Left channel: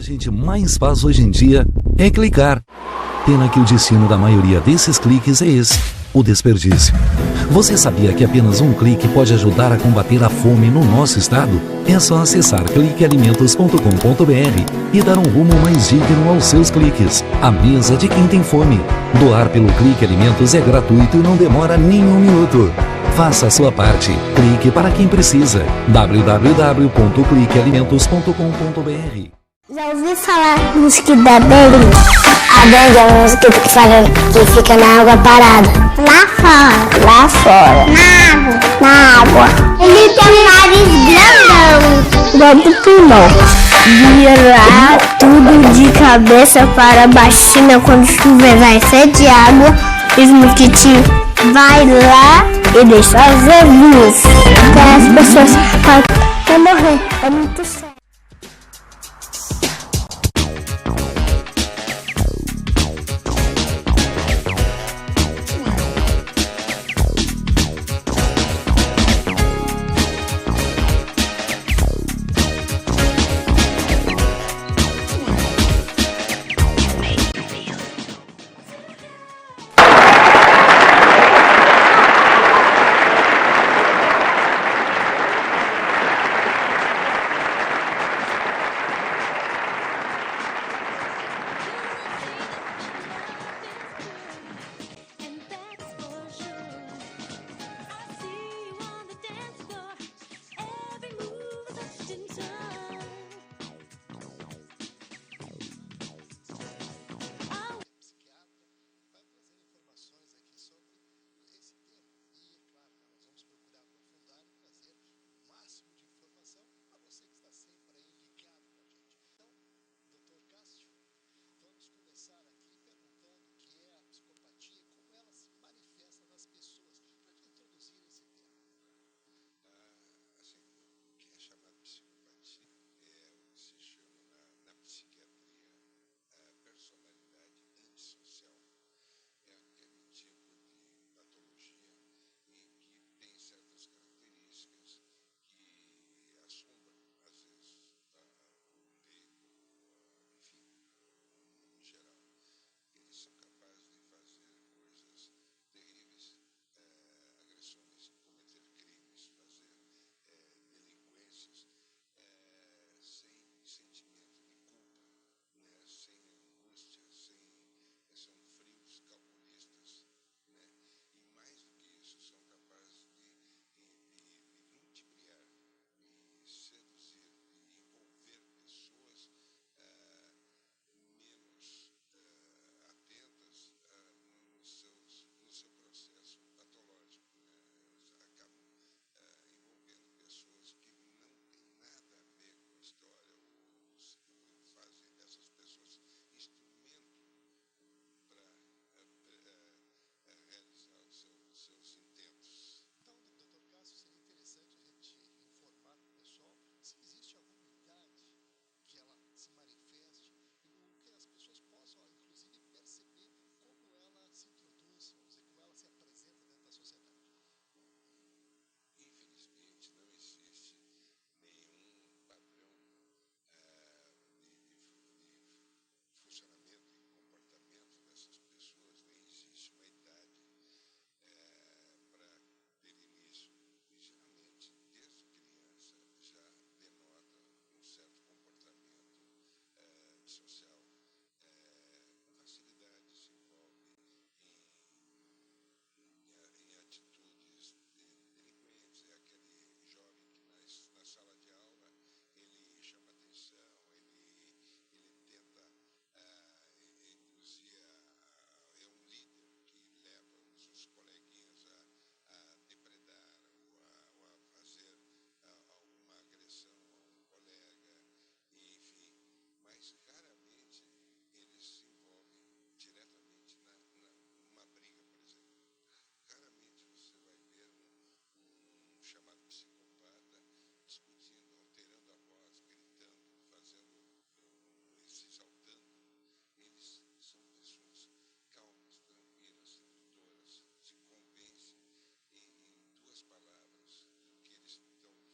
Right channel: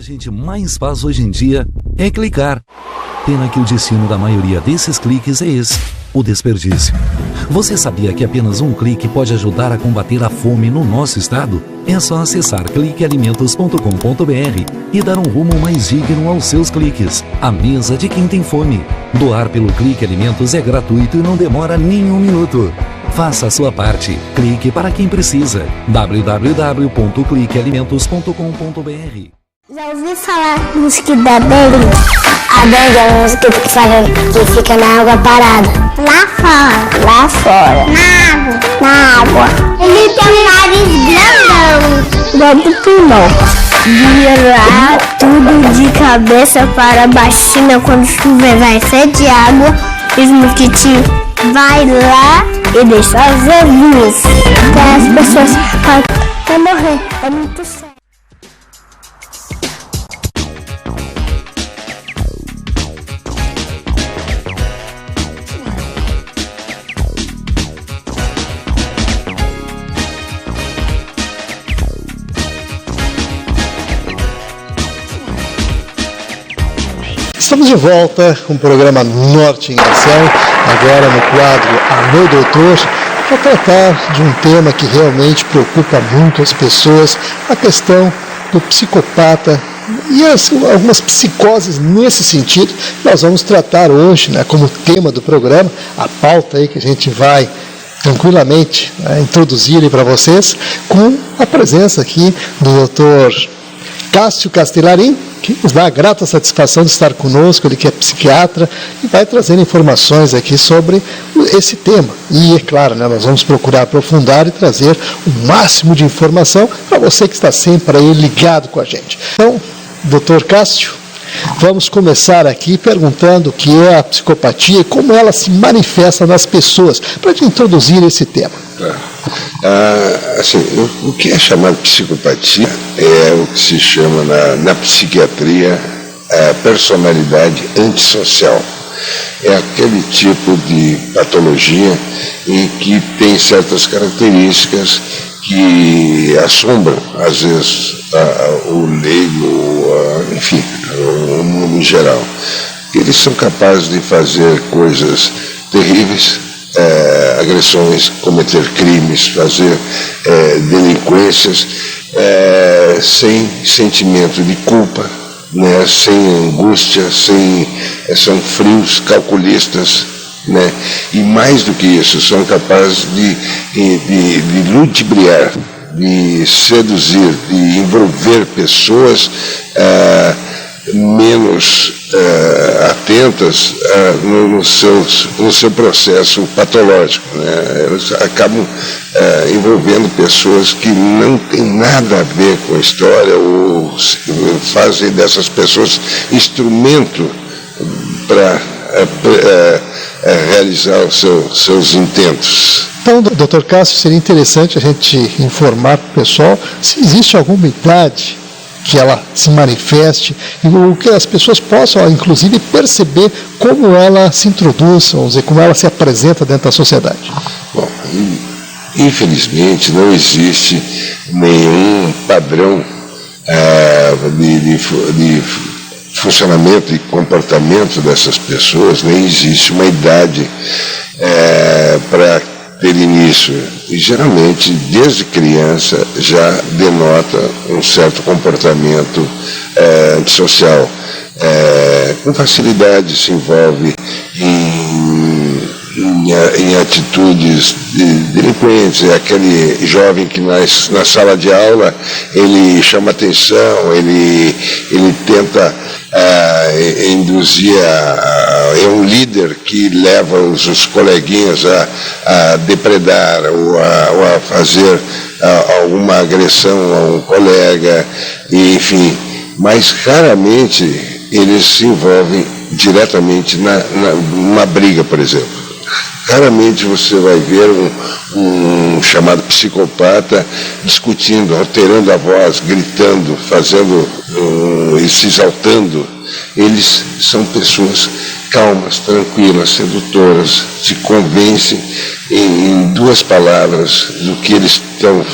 a gente mais faz hoje em dia é clicar. Pena que o destino da maioria desses cliques é esse, o desperdício. Você sabia que apenas um clique pode ajudar a combater a fome no nosso estado? É só acessar cliquealimentos.com.br e dar um rumo mais digno aos seus cliques. A mesa de quem tem fome. Doar pelo Clique Alimentos é gratuito e não demora nem um minuto. Faça a sua parte. Clique para quem precisa. www.cliquealimentos.com.br. Já ouviu falar mosquito da dengue? A dengue é um mosquito que fica na água parada. Lá fora. Lá fora. Na água. Ele tem um nariz grandão. Igual do pulmão. Virar tudo de cabeça para baixinha quando chover vai ser de água. E os mosquitinhos vai lá e deixa os ovinhos. Então as pessoas vão morrer. É muito sério. Estamos de volta com o programa Norte em Ação, agora no quadro Meu Doutor, para tratar de um tema que realmente preocupa muito as pessoas, a questão do psicopata e algumas psicoses nesse sentido. Nós vamos tratar hoje, como tema do programa, a pauta aí que a gente vai tranquilamente introduzir para vocês, com a presença aqui do Dr. Cássio Castellarin, que nos dá a grata satisfação de estar conosco, ele que é psiquiatra, e vai trazendo informações aqui sobre esse tema. E, é claro, nós vamos procurar aprofundar e trazer o máximo de informação para você que está sempre aí ligado com a gente. Então, doutor Cássio, vamos começar aqui perguntando o que é a psicopatia e como ela se manifesta nas pessoas, para te introduzir esse tema. O que é chamado psicopatia é o que se chama na psiquiatria personalidade antissocial. É aquele tipo de patologia em que tem certas características que assombram, às vezes, o leigo, enfim, o mundo em geral. Eles são capazes de fazer coisas terríveis, agressões, cometer crimes, fazer delinquências sem sentimento de culpa, sem angústia, são frios, calculistas, e mais do que isso, são capazes de ludibriar, de seduzir, de envolver pessoas menos atentas no seu processo patológico. Eles acabam envolvendo pessoas que não têm nada a ver com a história, ou fazem dessas pessoas instrumento para realizar os seus intentos. Então, doutor Cássio, seria interessante a gente informar para o pessoal se existe alguma idade que ela se manifeste e o que as pessoas possam, inclusive, perceber como ela se introduz, vamos dizer, como ela se apresenta dentro da sociedade. Bom, infelizmente não existe nenhum padrão de funcionamento e comportamento dessas pessoas, nem existe uma idade para ter início. E geralmente, desde criança, já denota um certo comportamento antissocial. Com facilidade se envolve em atitudes delinquentes. É aquele jovem que na sala de aula ele chama atenção, ele tenta induzir, é um líder que leva os coleguinhas a depredar ou a fazer alguma agressão a um colega, enfim, mas raramente eles se envolvem diretamente numa briga, por exemplo. Raramente você vai ver um chamado psicopata discutindo, alterando a voz, gritando, e se exaltando. Eles são pessoas calmas, tranquilas, sedutoras, se convencem em duas palavras do que eles estão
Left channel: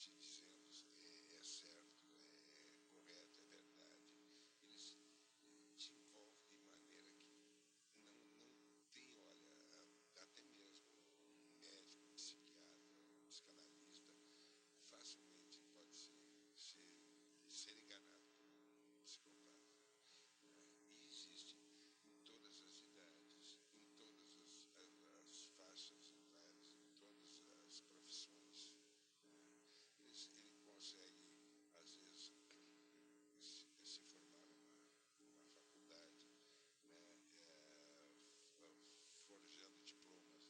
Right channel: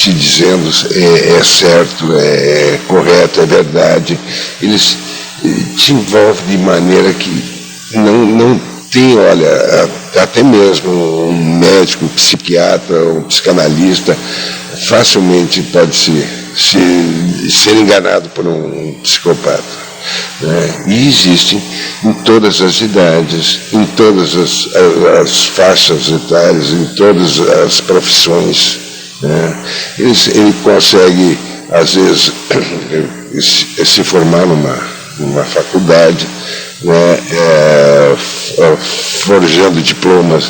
te dizendo é certo, é correto, é verdade. Eles te envolvem de maneira que não tem, olha, até mesmo um médico, um psiquiatra, um psicanalista facilmente pode ser enganado por um psicopata. Né? E existem em todas as idades, em todas as faixas etárias, em todas as profissões. Né? Ele consegue, às vezes, se formar numa faculdade, né? Forjando diplomas,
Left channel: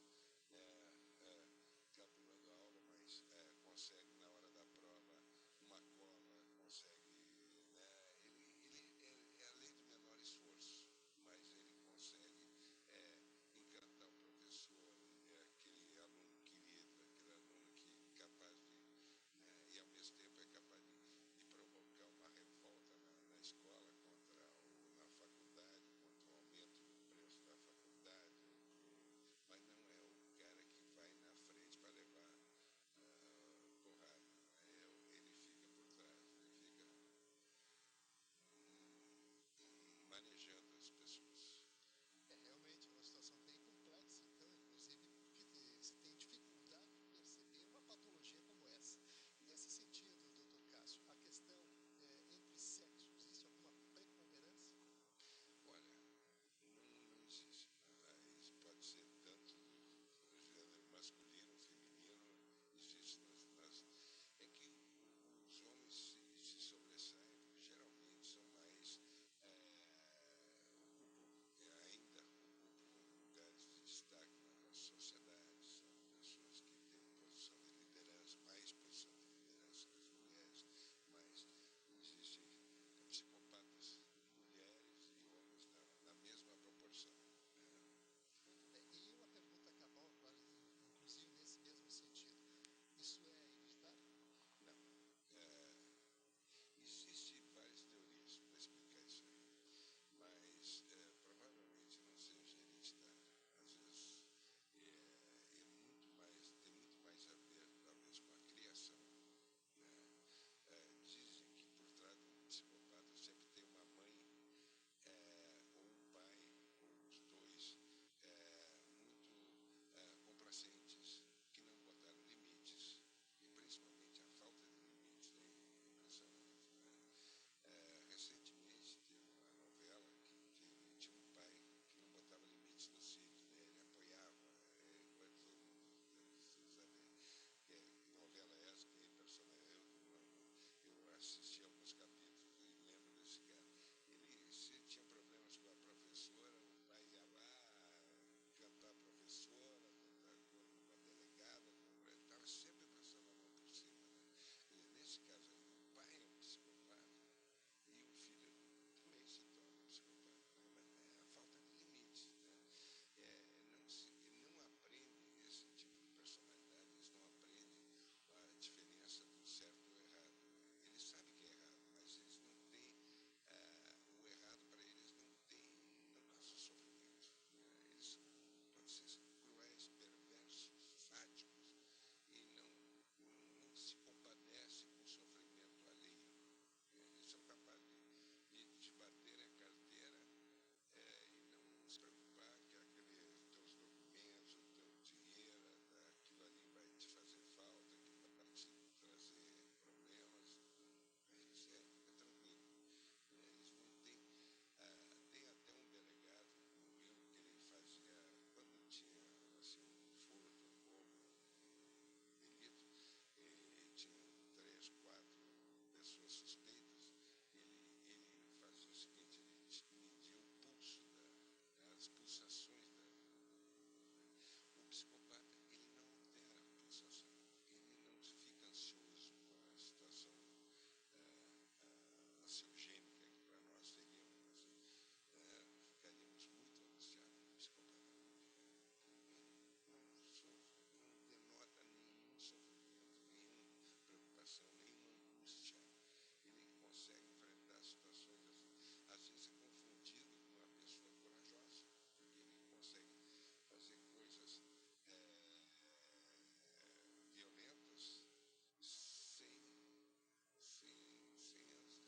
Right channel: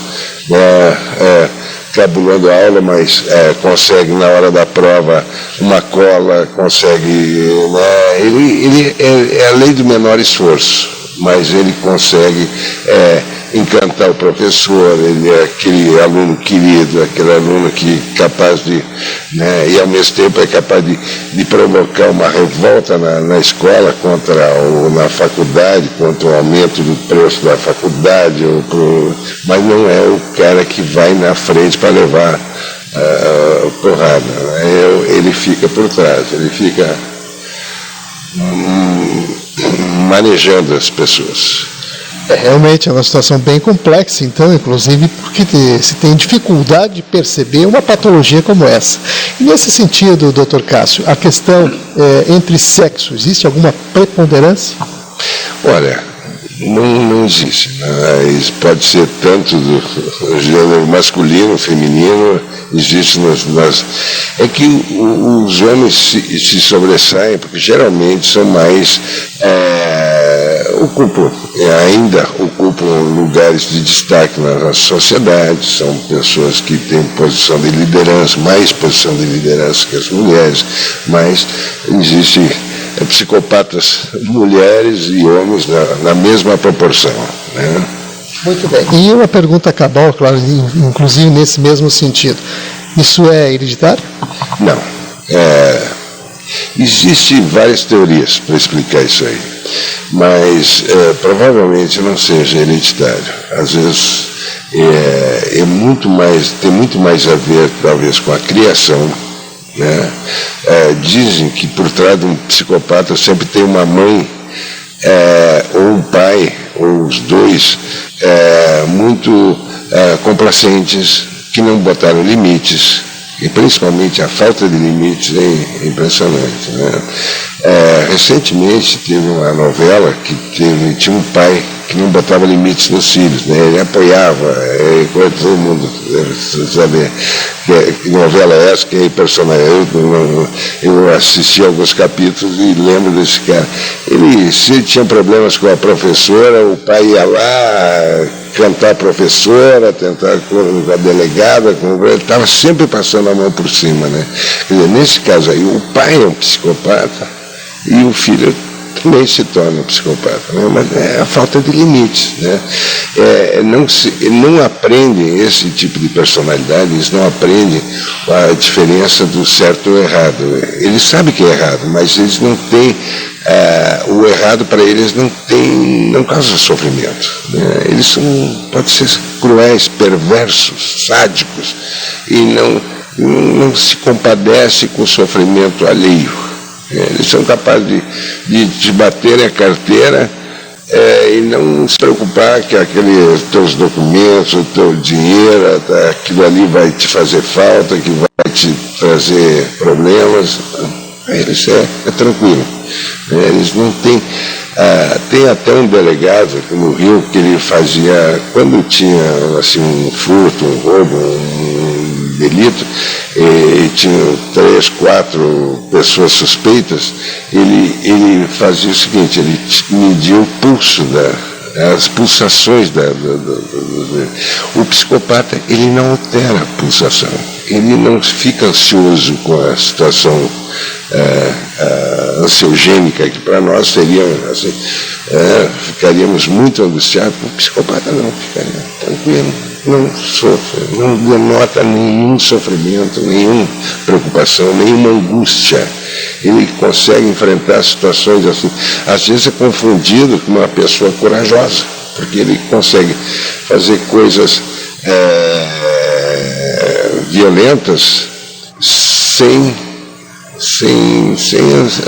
né? Cabulando a aula, mas consegue na hora da prova uma cola, consegue, né? Ele é a lei do menor esforço, mas ele consegue encantar o professor, ele é aquele aluno querido, aquele aluno que é capaz de, né, e ao mesmo tempo é capaz de provocar uma revolta na escola na faculdade, contra o aumento do preço da faculdade, mas não é o cara que vai na frente para levar porrada. Ele fica por trás, ele fica manejando as pessoas. Realmente é uma situação bem complexa, então, inclusive porque se tem dificuldade de perceber uma patologia como essa. E nesse sentido, Dr. Cássio, a questão entre sexos, existe alguma preponderância? Olha, não existe. Né? Pode ser tanto do gênero masculino, feminino, existe É que os homens se sobressaem, porque geralmente são mais... ainda ocupam lugares de destaque na sociedade, são pessoas que têm posição de liderança, mais posição de liderança que as mulheres, mas existem psicopatas mulheres e homens na mesma proporção. Né? Muito bem. E uma pergunta cabal, claro, inclusive nesse mesmo sentido. Isso é hereditário? Não. Existem várias teorias para explicar isso aí, mas provavelmente não seja hereditário. Às vezes tem muito mais a ver, talvez, com a criação. Né? Dizem que por trás de um psicopata sempre tem uma mãe, ou um pai, ou os dois, muito complacentes, que não botaram limites. E principalmente a falta de limites é impressionante. Né? Recentemente teve uma novela que tinha um pai que não botava limites nos filhos, né? Ele apoiava, todo mundo deve saber que novela é essa, que é personagem. Eu assisti alguns capítulos e lembro desse cara. Se ele tinha problemas com a professora, o pai ia lá cantar a professora, tentar com a delegada, ele estava sempre passando a mão por cima. Né? Quer dizer, nesse caso aí, o pai é um psicopata e o filho também se torna um psicopata, né? Mas é a falta de limites. Né? Não aprendem esse tipo de personalidade, eles não aprendem a diferença do certo e do errado. Eles sabem que é errado, mas eles não têm... o errado para eles não causa sofrimento. Né? Eles podem ser cruéis, perversos, sádicos, e não se compadecem com o sofrimento alheio. Eles são capazes de te baterem a carteira e não se preocupar que aqueles teus documentos, o teu dinheiro, aquilo ali vai te fazer falta, que vai te trazer problemas. Eles é tranquilo. Eles não têm... tem até um delegado aqui no Rio que ele fazia, quando tinha assim, um furto, um roubo, um delito, e tinha 3, 4 pessoas suspeitas, ele fazia o seguinte, ele media o pulso as pulsações o psicopata, ele não altera a pulsação, ele não fica ansioso com a situação ansiogênica, que para nós seria assim, ficaríamos muito angustiados. O psicopata não, ficaria tranquilo, não sofre, não denota nenhum sofrimento, nenhuma preocupação, nenhuma angústia. Ele consegue enfrentar situações assim. Às vezes é confundido com uma pessoa corajosa, porque ele consegue fazer coisas violentas sem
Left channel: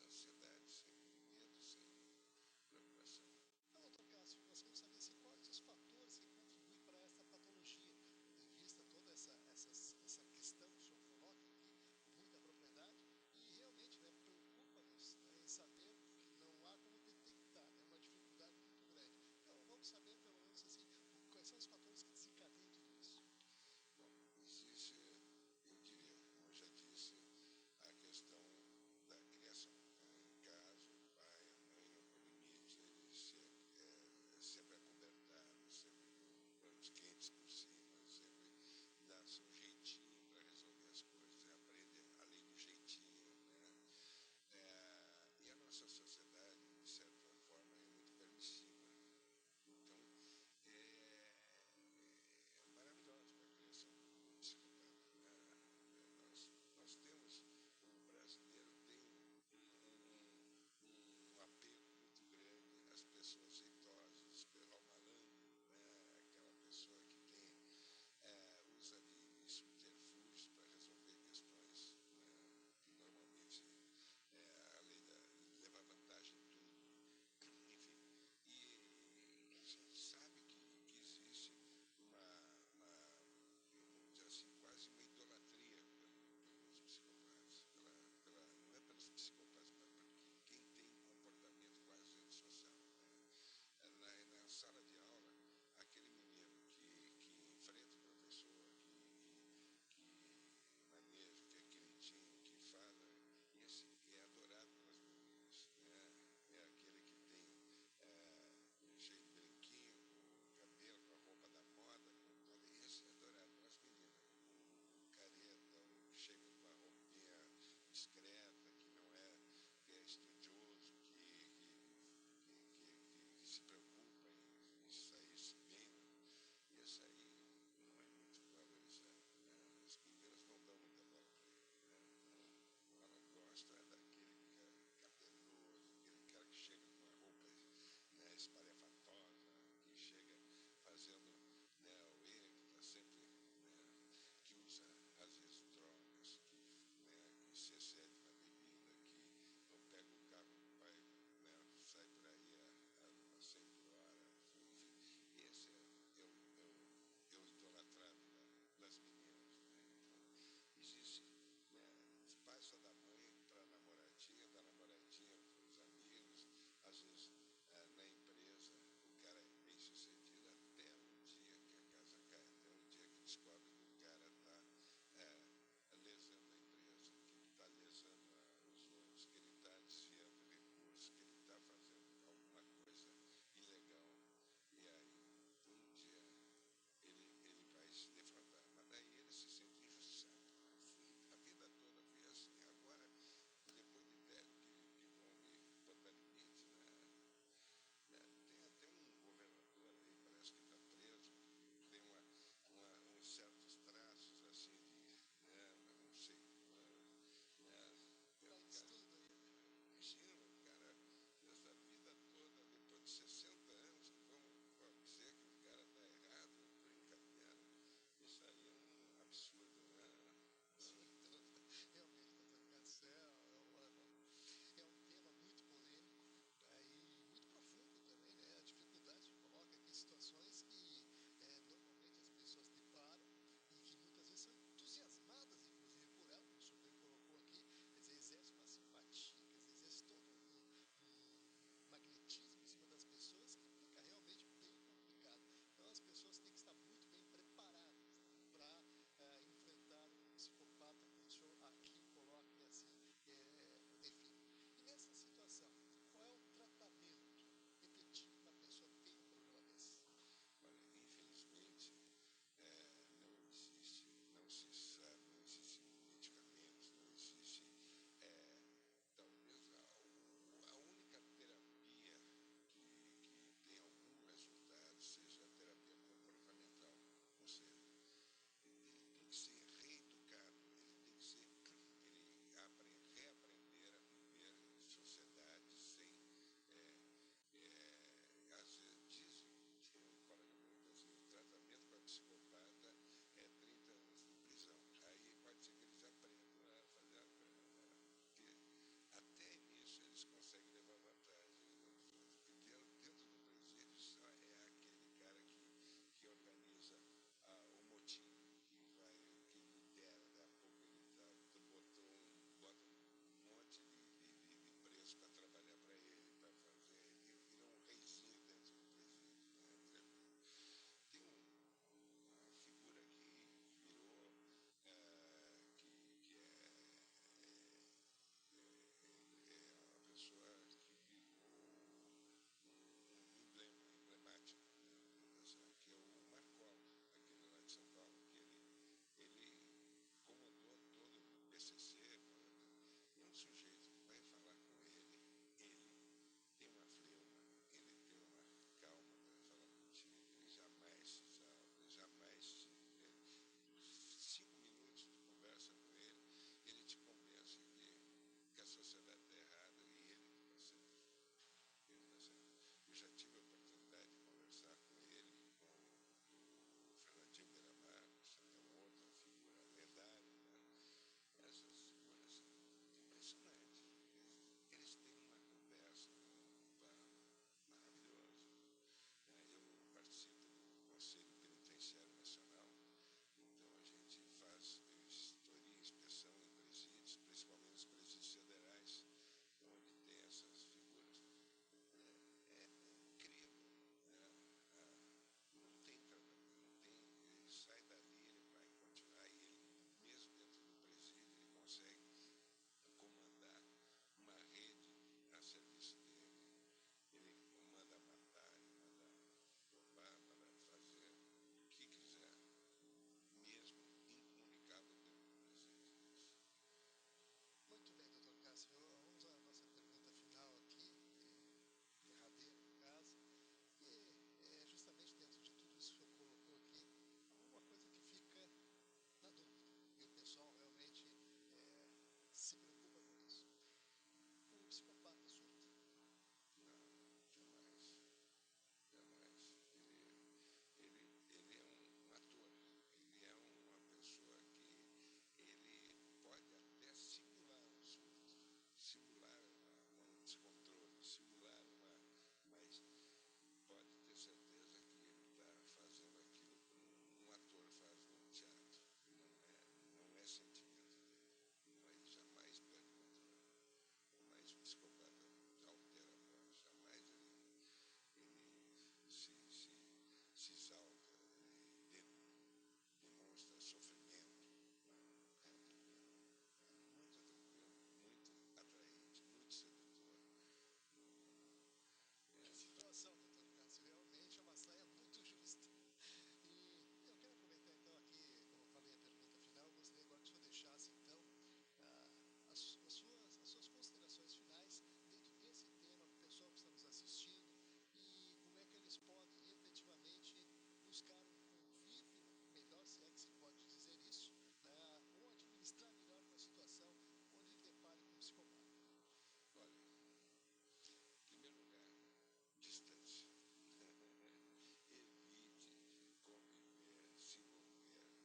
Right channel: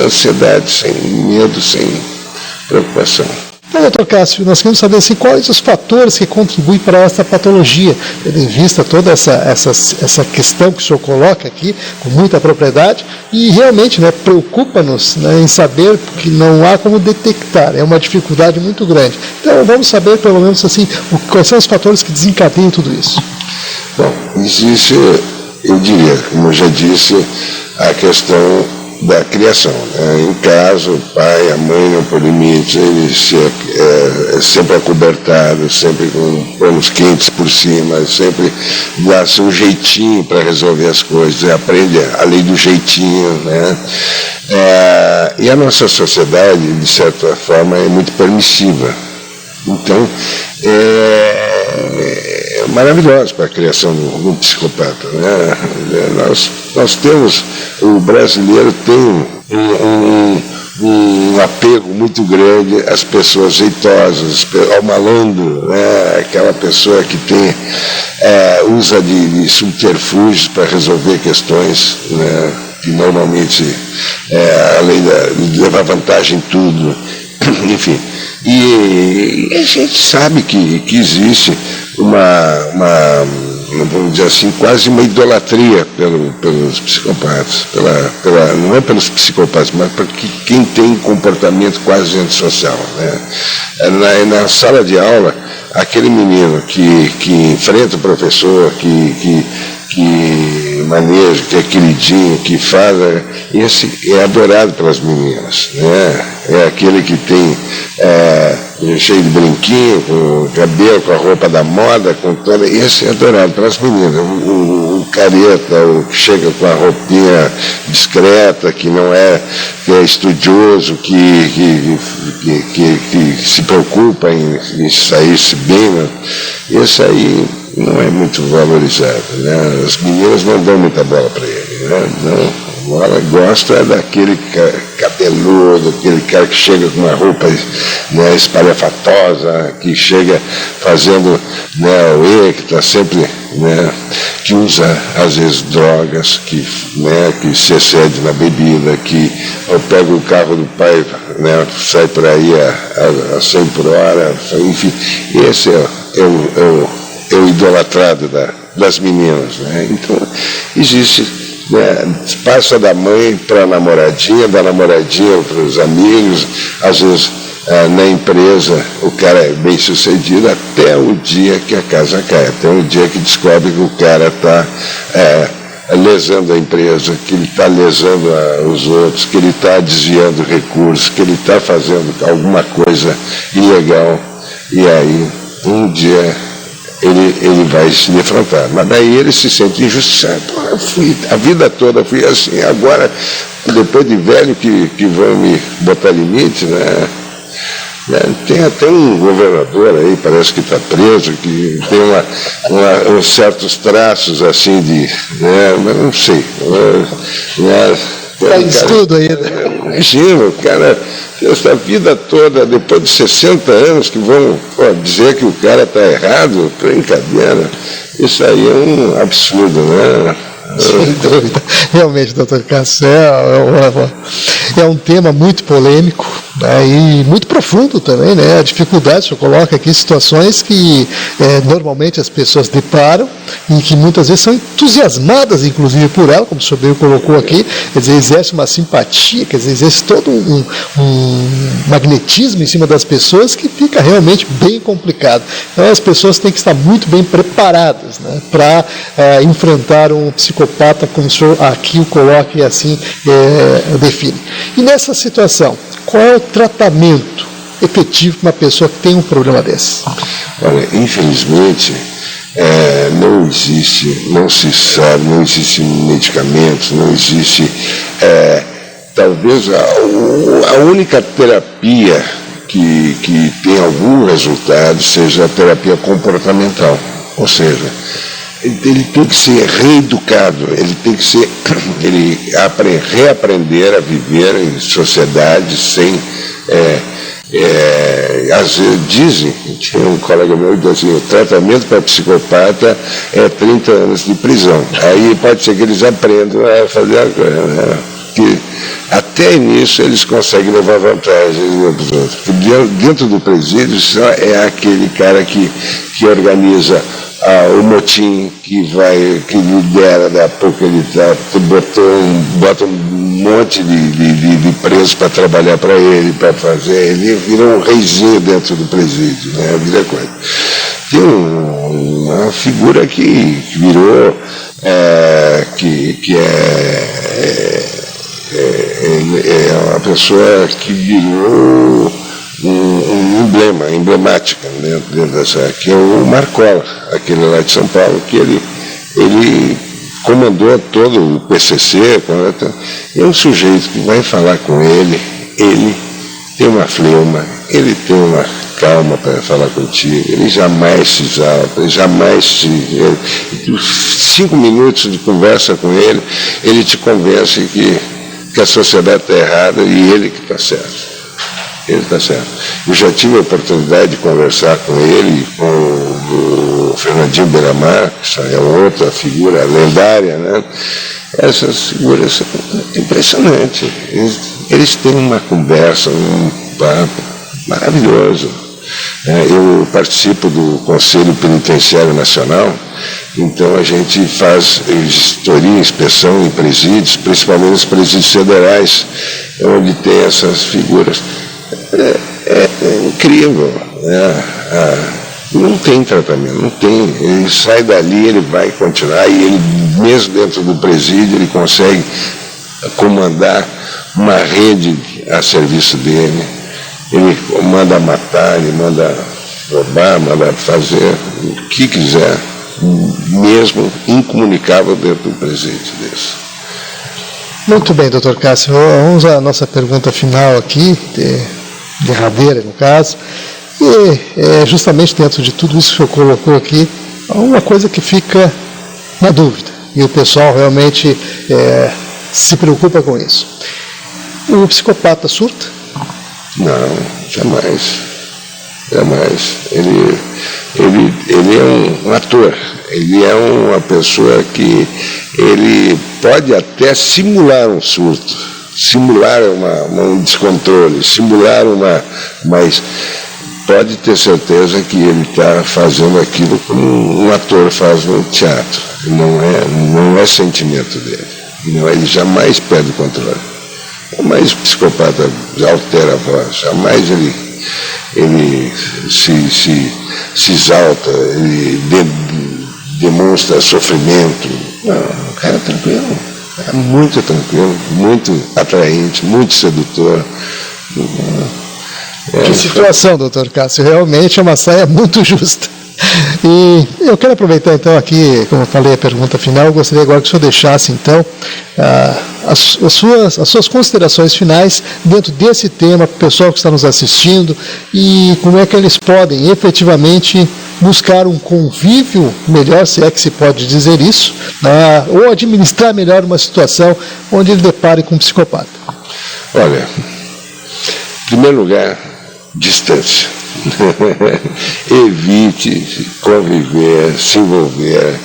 ansiedade, sem medo, sem preocupação. Então, doutor Cássio, nós queremos saber assim, quais os fatores que contribuem para essa patologia, tendo em vista toda essa questão que o senhor coloca aqui, com muita propriedade, e realmente, né, preocupa-nos, né, em saber que não há como detectar, é uma dificuldade muito grande. Então, vamos saber, pelo menos assim, quais são os fatores que desencadeiam tudo isso. Bom, existe, eu diria, como eu já disse, a questão da criação, né? Em casa, o pai, a mãe não põe limite, ele é sempre acobertado, sempre com panos quentes por cima, sempre dá seu jeitinho para resolver as coisas, aprende a lei do jeitinho, né? E a nossa sociedade, de certa forma, é muito permissiva. Então, é maravilhoso para a criação de um psicopata, né? Nós temos, o brasileiro tem um apego muito grande às pessoas jeitosas, ao malandro, né? Aquela pessoa que tem, usa de subterfúgios para resolver questões, né? Que normalmente, além de levar vantagem em tudo, enfim. E a gente sabe que existe vamos dizer assim, quase uma idolatria pelos psicopatas, não é pelos psicopatas, mas por quem tem comportamento quase antissocial, né? Na sala de aula, aquele menino que enfrenta o professor, que maneja, que é queridinho, que faz, esse é adorado pelas meninas, né? É aquele que tem cheio de brinquinho, com o cabelo, com a roupa da moda, com toda, esse é adorado pelas meninas. O careta, o que chega com a roupinha discreta, que não que é estudioso, que se preocupa em sair-se bem, né? Esse aí não é muito valorizado, né? As meninas não dão muita bola para ele, né? Não. Ela gosta daquele cabeludo, aquele cara que chega com uma roupa, né, espalhafatosa, que chega fazendo, né, que está sempre, né, que usa às vezes drogas, que se excede na bebida, que pega o carro do pai, né, sai por aí a 100 por hora, enfim, esse é o idolatrado das meninas, né? Então existe, né, passa da mãe para a namoradinha, da namoradinha para os amigos, às vezes na empresa o cara é bem sucedido até o dia que a casa cai, até o dia que descobre que o cara está lesando a empresa, que ele está lesando os outros, que ele está desviando recursos, que ele está fazendo alguma coisa ilegal, e aí um dia ele vai se defrontar. Mas daí ele se sente injustiçado. A vida toda fui assim, agora, depois de velho que vão me botar limite, né? Tem até um governador aí, parece que está preso, que tem uns certos traços assim né? Mas não sei. Está escudo aí, né? Imagina, o cara, essa vida toda, depois de 60 anos, que vão dizer que o cara está errado, brincadeira. Isso aí é um absurdo, né? Sem dúvida. Realmente, doutor Cássio, é um tema muito polêmico, né, e muito profundo também, né? A dificuldade, o senhor coloca aqui situações que normalmente as pessoas deparam e que muitas vezes são entusiasmadas, inclusive, por ela, como o senhor bem colocou aqui, quer dizer, exerce uma simpatia, quer dizer, exerce todo um magnetismo em cima das pessoas que fica realmente bem complicado. Então, as pessoas têm que estar muito bem preparadas, né, para enfrentar um psicopata, como o senhor aqui o coloca e assim define. E nessa situação, qual é o tratamento efetivo para uma pessoa que tem um problema desse? Olha, infelizmente, não existe, não se sabe, não existe medicamentos, não existe, talvez a única terapia que tem algum resultado seja a terapia comportamental, ou seja, ele tem que ser reeducado, ele tem que reaprender a viver em sociedade sem às vezes dizem, tinha um colega meu que dizia assim, o tratamento para psicopata é 30 anos de prisão. Aí pode ser que eles aprendam a fazer a coisa, né? Que até nisso eles conseguem levar vantagem dos outros. Porque dentro do presídio só é aquele cara que organiza o motim, que lidera, da pouco ele bota um monte de presos para trabalhar para ele, para fazer. Ele vira um reizinho dentro do presídio, né? Vira coisa. Tem uma figura que virou, que é uma pessoa que virou emblemática dentro dessa, que é o Marcola, aquele lá de São Paulo, que ele comandou todo o PCC, é um sujeito que vai falar com ele tem uma fleuma, ele tem uma calma para falar contigo, ele jamais se exalta, ele jamais 5 minutos de conversa com ele te convence que a sociedade está errada e ele que está certo. Ele está certo. Eu já tive a oportunidade de conversar com ele e com o Fernandinho Beiramar, que é outra figura lendária, né? Essas figuras são impressionantes. Eles têm uma conversa, um papo maravilhoso. Eu participo do Conselho Penitenciário Nacional, então a gente faz vistoria, inspeção em presídios, principalmente nos presídios federais, onde tem essas figuras. É incrível, né? Não tem tratamento, não tem. Ele sai dali, ele vai continuar, e ele, mesmo dentro do presídio, ele consegue comandar uma rede a serviço dele. Ele manda matar, ele manda roubar, manda fazer o que quiser, mesmo incomunicável dentro do presídio desse. Muito bem, doutor Cássio. Vamos à nossa pergunta final aqui, derradeira no caso. E justamente dentro de tudo isso que o senhor colocou aqui, uma coisa que fica na dúvida, e o pessoal realmente se preocupa com isso. O psicopata surta? Não, jamais. Jamais. Ele é um ator, ele é uma pessoa que ele pode até simular um surto, simular um descontrole, mas pode ter certeza que ele está fazendo aquilo como um ator faz no teatro. Não é sentimento dele. Ele jamais perde o controle. Jamais o psicopata altera a voz, jamais ele se exalta, ele demonstra sofrimento. Não, o cara é tranquilo, é muito tranquilo, muito atraente, muito sedutor. Que situação, doutor Cássio, realmente é uma saia muito justa. E eu quero aproveitar então aqui, como eu falei, a pergunta final, eu gostaria agora que o senhor deixasse então as suas considerações finais dentro desse tema, para o pessoal que está nos assistindo, e como é que eles podem efetivamente buscar um convívio melhor, se é que se pode dizer isso, ou administrar melhor uma situação onde ele depare com um psicopata. Olha, em primeiro lugar, distância. Evite conviver, se envolver,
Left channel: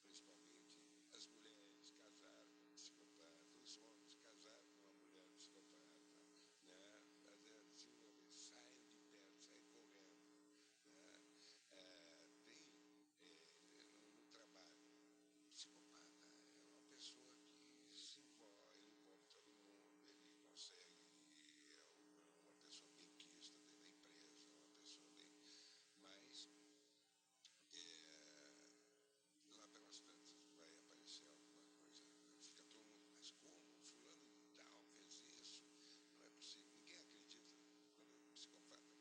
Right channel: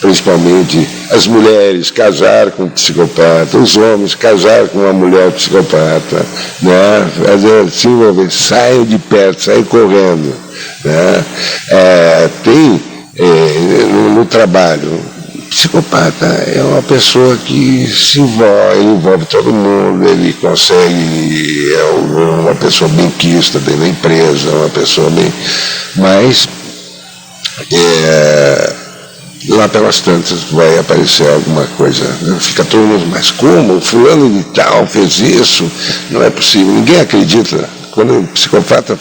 principalmente as mulheres casar com um psicopata, os homens casar com uma mulher psicopata, né? Se envolver, saiam de perto, saiam correndo, né? No trabalho, psicopata é uma pessoa que se envolve, ele envolve todo mundo, ele consegue, é uma pessoa bem quista dentro da empresa, uma pessoa bem... Mas lá pelas tantas vai aparecer alguma coisa, fica todo mundo, mas como? O fulano de tal fez isso? Não é possível, ninguém acredita. Quando o psicopata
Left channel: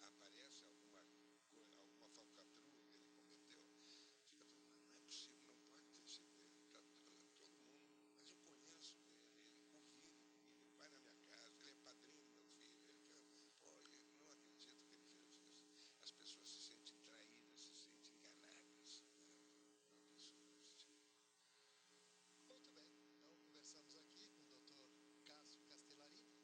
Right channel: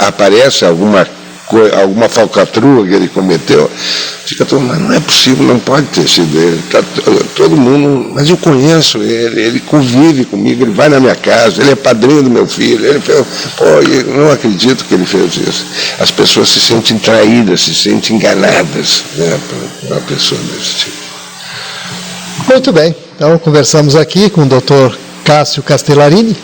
aparece alguma falcatrua que ele cometeu, fica todo mundo, mas não é possível, não pode ter sido ele. Todo mundo, mas eu conheço ele convive comigo, ele vai na minha casa, ele é padrinho do meu filho, ele fez, eu não acredito que ele fez isso. As pessoas se sentem traídas, se sentem enganadas, né, por uma pessoa desse tipo. Muito bem, então conversamos aqui com o Dr. Cássio Castellarini,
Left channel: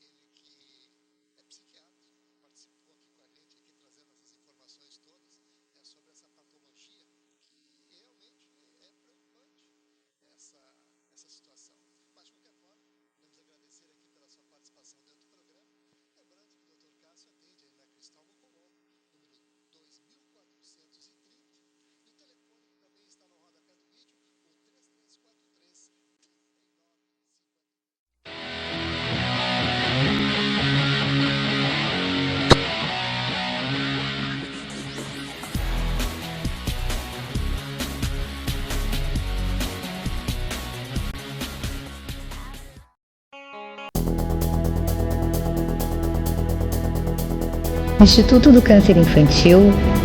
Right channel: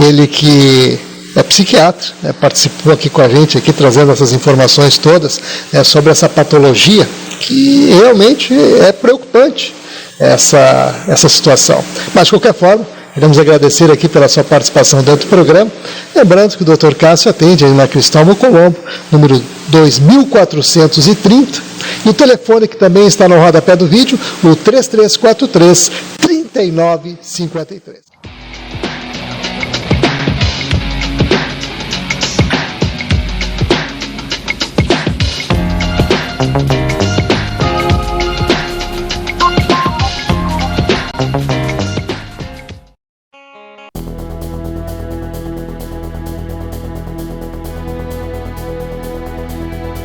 ele que é psiquiatra, participou aqui com a gente, aqui trazendo essas informações todas sobre essa patologia, que realmente é preocupante essa situação. Mas, de qualquer forma, queremos agradecer aqui pela sua participação dentro do programa. Lembrando que o Dr. Cássio atende aí na Cristóvão Colombo, número 2430, e o telefone que também está no rodapé do vídeo, o 3343-3953. O Instituto do Câncer Infantil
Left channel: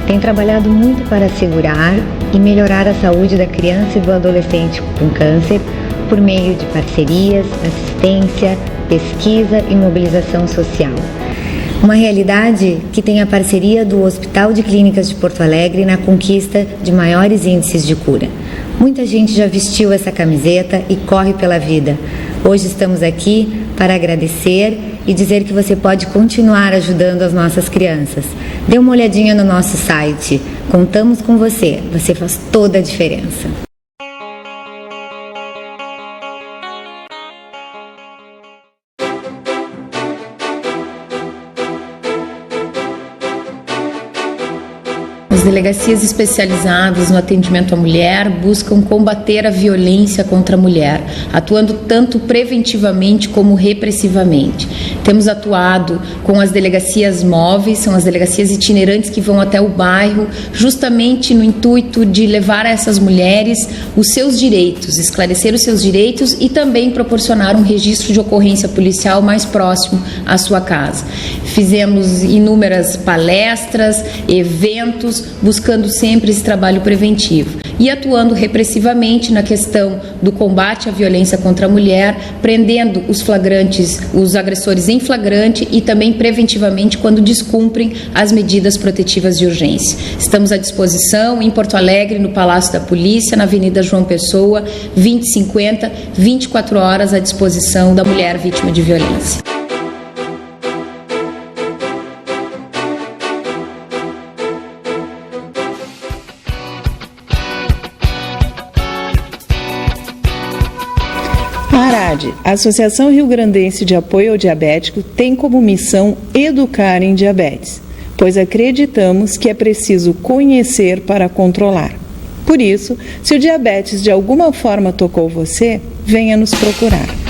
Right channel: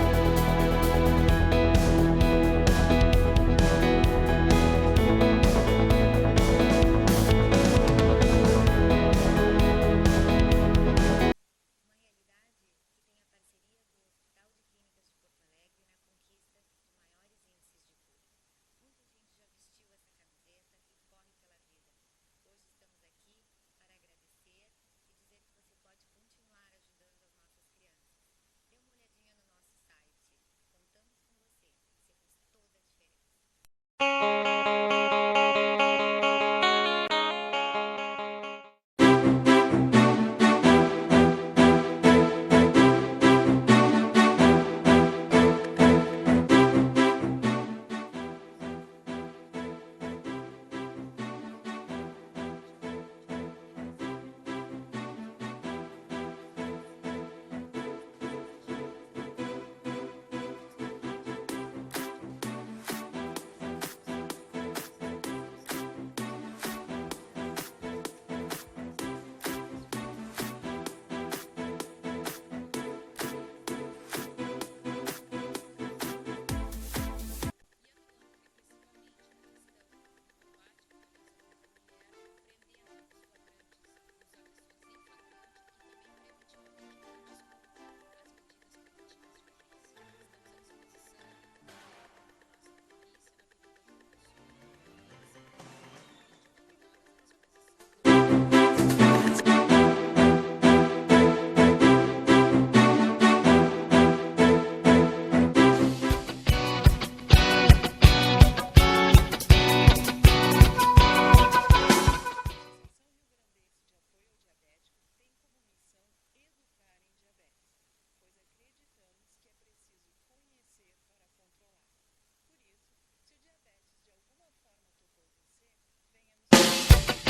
tem trabalhado muito para assegurar e melhorar a saúde da criança e do adolescente com câncer por meio de parcerias, assistência, pesquisa e mobilização social. Uma realidade que tem a parceria do Hospital de Clínicas de Porto Alegre na conquista de maiores índices de cura. Muita gente já vestiu essa camiseta e corre pela vida. Hoje estamos aqui para agradecer e dizer que você pode continuar ajudando as nossas crianças. Dê uma olhadinha no nosso site. Contamos com você. Você faz toda a diferença. As delegacias especializadas no atendimento à mulher buscam combater a violência contra a mulher, atuando tanto preventivamente como repressivamente. Temos atuado com as delegacias móveis, são as delegacias itinerantes que vão até o bairro, justamente no intuito de levar a essas mulheres os seus direitos, esclarecer os seus direitos e também proporcionar um registro de ocorrência policial mais próximo à sua casa. Fizemos inúmeras palestras, eventos, buscando sempre esse trabalho preventivo e atuando repressivamente na questão do combate à violência contra a mulher, prendendo os flagrantes, os agressores em flagrante e também preventivamente quando descumprem as medidas protetivas de urgência. Estamos à disposição em Porto Alegre, no Palácio da Polícia, na Avenida João Pessoa, 2050, 24 horas à disposição da mulher vítima de violência. A Associação Rio-Grandense de Apoio ao Diabético tem como missão educar em diabetes, pois acreditamos que é preciso conhecer para controlar. Por isso, se o diabetes de alguma forma tocou você, venha nos procurar.